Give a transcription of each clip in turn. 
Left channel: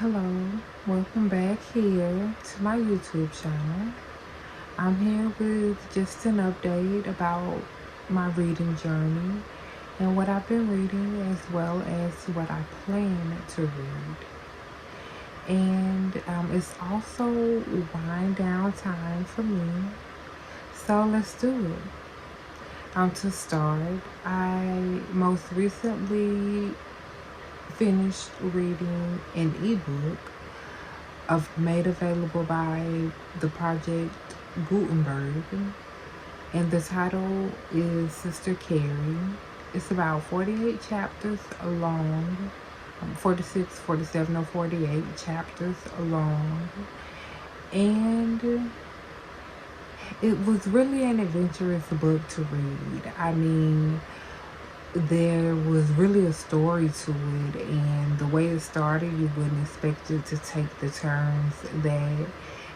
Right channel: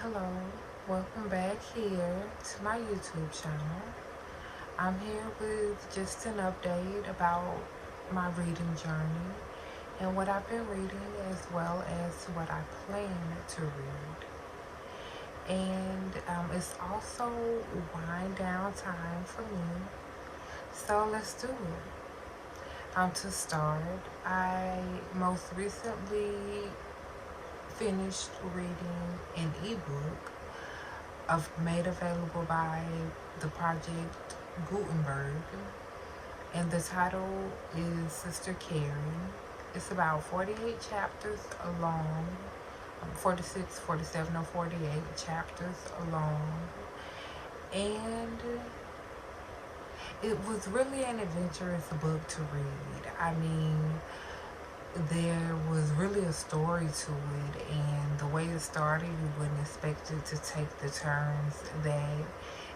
Hello, welcome back here to my YouTube channel. I'm here with just an update about my reading journey and what I've been reading, as well as what I plan to read. And it's also wind down time for me, so let's do it. To start, I most recently finished reading an ebook made available by the Project Gutenberg, and the title is Sister Carrie. It's about 48 chapters long, 46, 47, or 48 chapters long, and it was really an adventurous book to read. I mean, there was really a story to it, and the way it started, you wouldn't expect it to take the turns that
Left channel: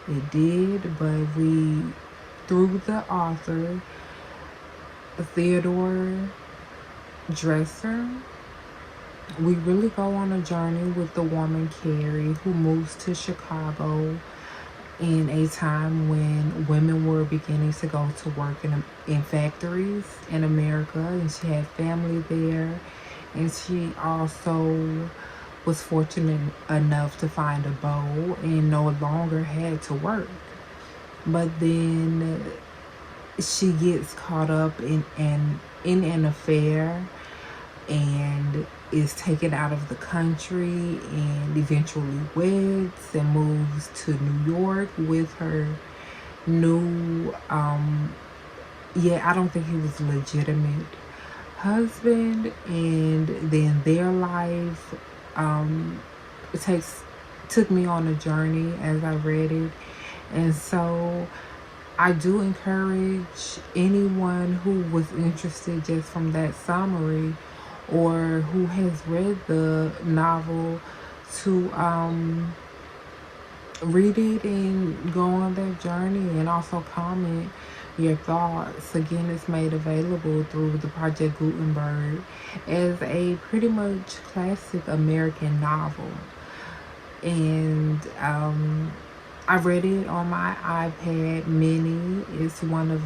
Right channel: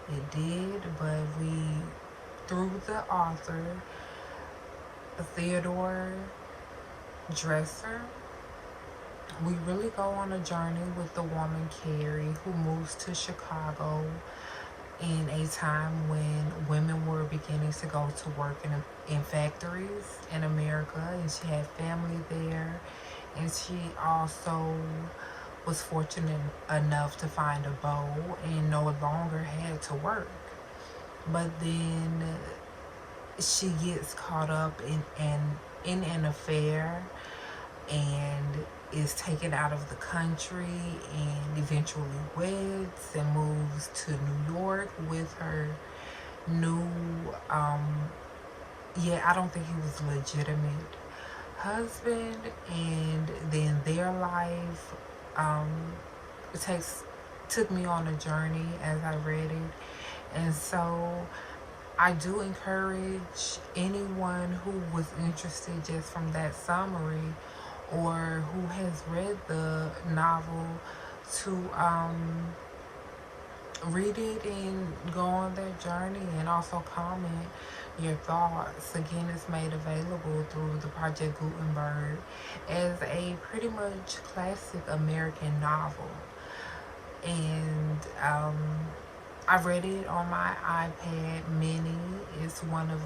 it did, but through the author, Theodore Dresser, we really go on a journey with the woman Carrie, who moves to Chicago in a time when women were beginning to go to work in factories in America, and she had family there, and she also was fortunate enough to find a beau and no longer had to work. But then she gets caught up in an affair and is taken out of the country, and eventually weds and moves to New York with her new I don't think he was a legitimate husband. And then their life took me on a journey as I read it. And so I do encourage anyone who was interested just from that summary, or who has read the novel, to read it and go on their journey, and also comment your thoughts. Again, it's made available through the Project Gutenberg as a pretty much classic American novel. And I read it on my iPad mini. It's one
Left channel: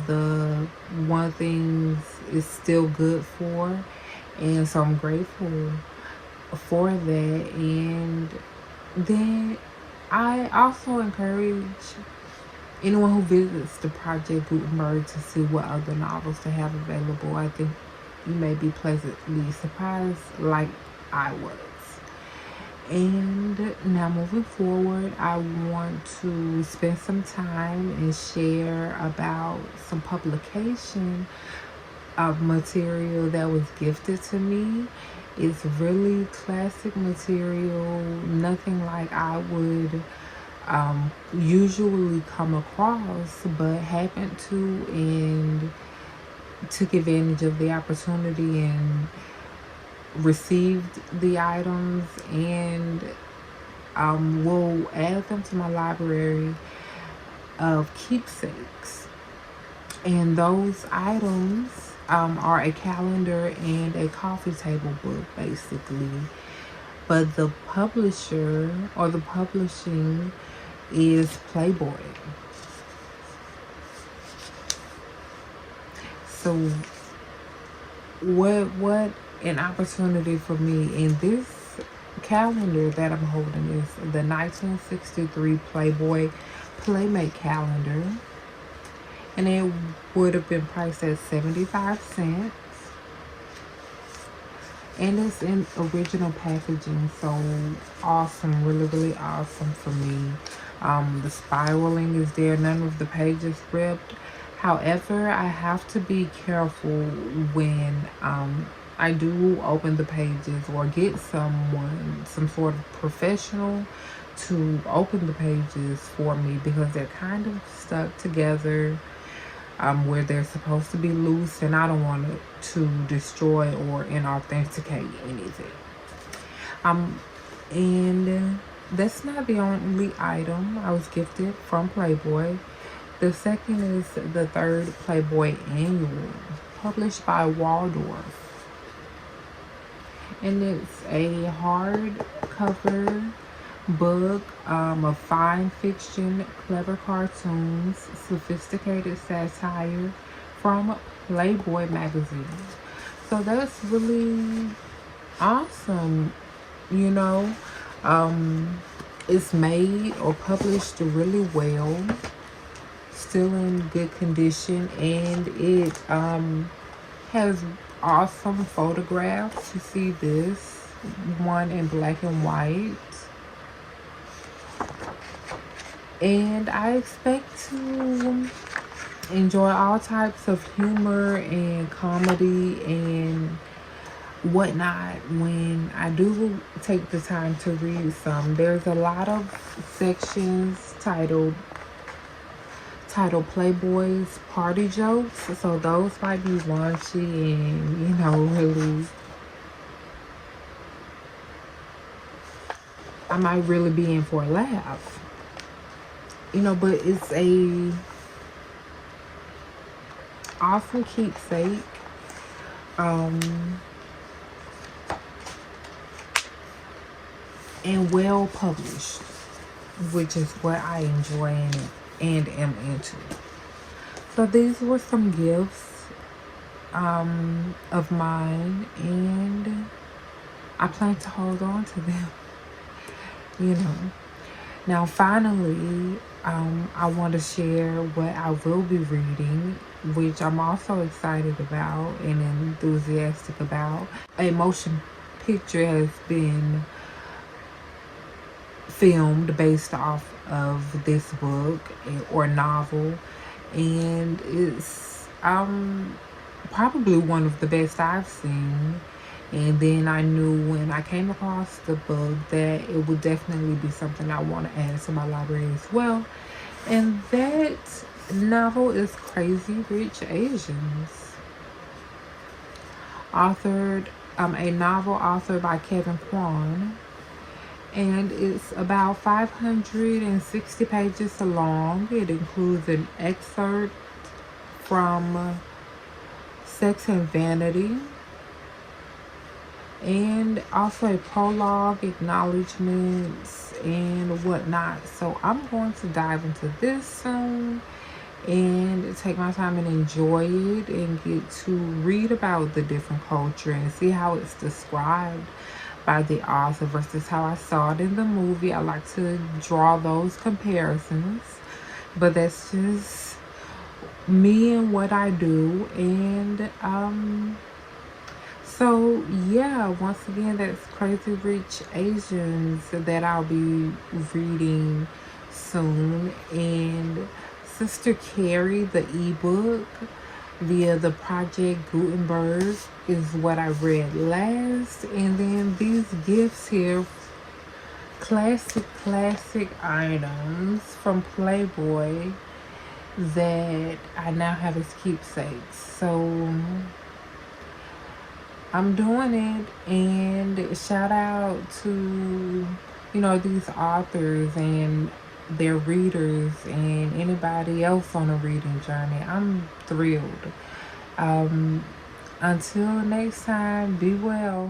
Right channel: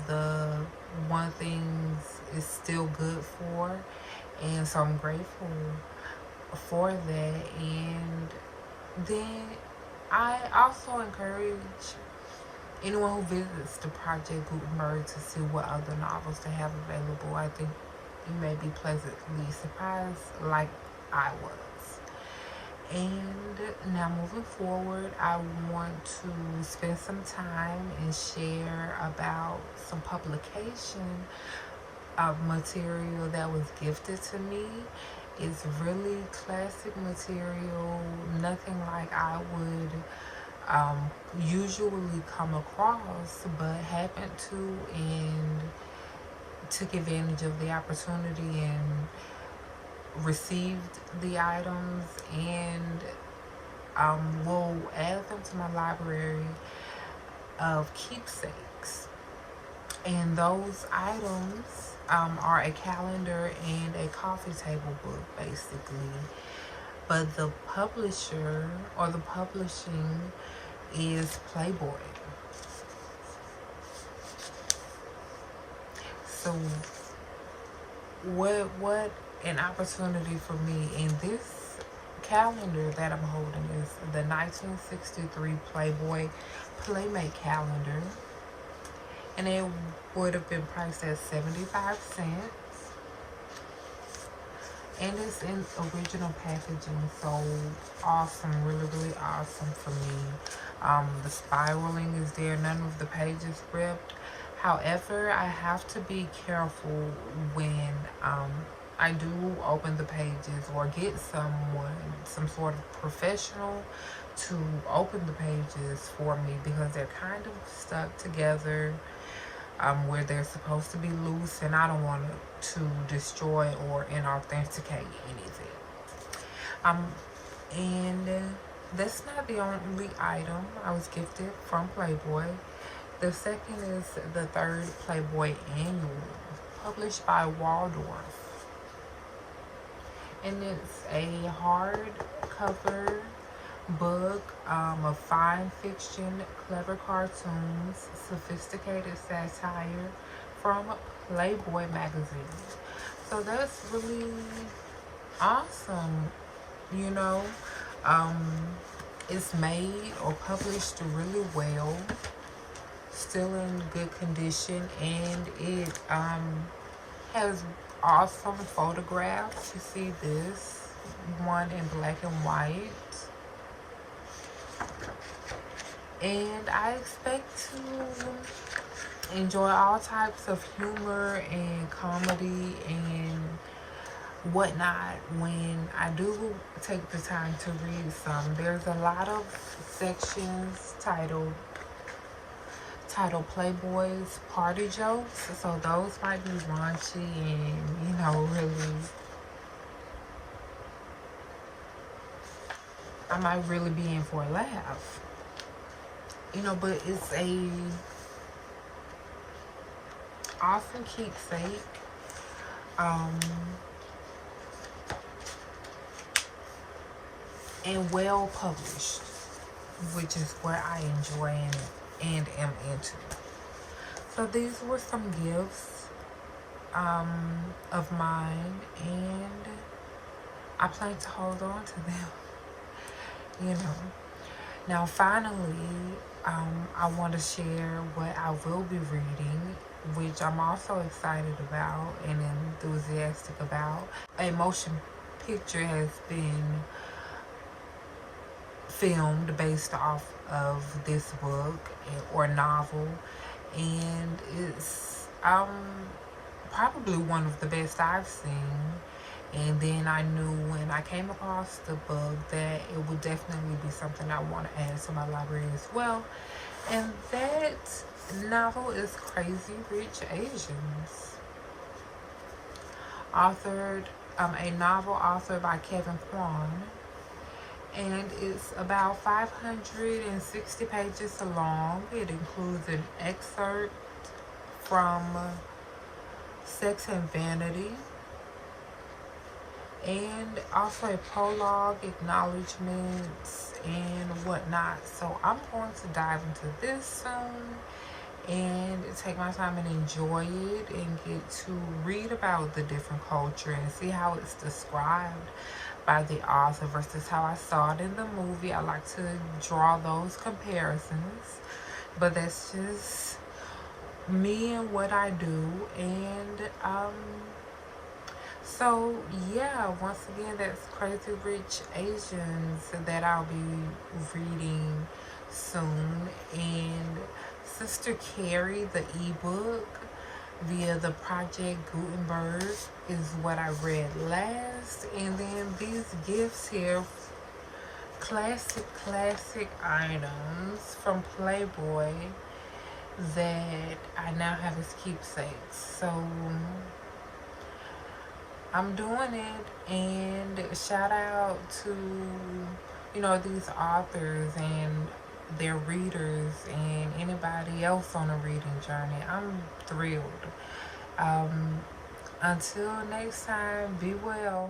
things it's still good for, and so I'm grateful for that. And then I also encourage anyone who visits the Project Gutenberg to see what other novels they have available. I think you may be pleasantly surprised like I was. And now moving forward, I want to spend some time and share about some publication of material that was gifted to me. It's really classic material, nothing like I would usually come across, but happened to, and took advantage of the opportunity and received the items, and will add them to my library of keepsakes. And those items are a calendar and a coffee table book, basically. But the publisher or the publishing is Playboy. So what an opportunity for me. In this calendar that I'm holding is the 1963 Playboy Playmate calendar, and it would have been priced at 75 cents. And it's in original packaging, so awesome, really awesome for me. The spiraling is there, none of the pages ripped. However, I have to be careful when I do open the pages, or get some sort of professional to open the pages for me, because they're kind of stuck together where they're supposed to be loose, and I don't want to destroy or inauthenticate anything. And that's not the only item I was gifted from Playboy. The second is the third Playboy Annual, published by Waldorf. And it's a hardcover book of fine fiction, clever cartoons, sophisticated satire from Playboy magazine. So that's really awesome, you know. It's made or published really well, still in good condition, and it has awesome photographs. You see this one in black and white, and I expect to enjoy all types of humor and comedy and whatnot when I do take the time to read some. There's a lot of sections titled Playboy's Party Jokes, so those might be raunchy and, you know, really, I might really be in for a laugh, you know, but it's a awesome keepsake. And well published, which is what I enjoy and am into. So these were some gifts of mine, and I plan to hold on to them, you know. Now finally, I want to share what I will be reading, which I'm also excited about and enthusiastic about. A motion picture has been filmed based off of this book or novel, and it's probably one of the best I've seen. And then I knew when I came across the book that it would definitely be something I want to add to my library as well. And that novel is Crazy Rich Asians, authored a novel authored by Kevin Kwan, and it's about 560 pages long. It includes an excerpt from Sex and Vanity, and also a prologue, acknowledgments, and whatnot. So I'm going to dive into this soon and take my time and enjoy it and get to read about the different culture and see how it's described by the author versus how I saw it in the movie. I like to draw those comparisons, but that's just me and what I do. And so yeah, once again, that's Crazy Rich Asians that I'll be reading soon. And Sister Carrie, the ebook via the Project Gutenberg, is what I read last. And then these gifts here, classic items from Playboy that I now have as keepsakes. So I'm doing it, and shout out to, you know, these authors and their readers and anybody else on a reading journey. I'm thrilled. Until next time, be well.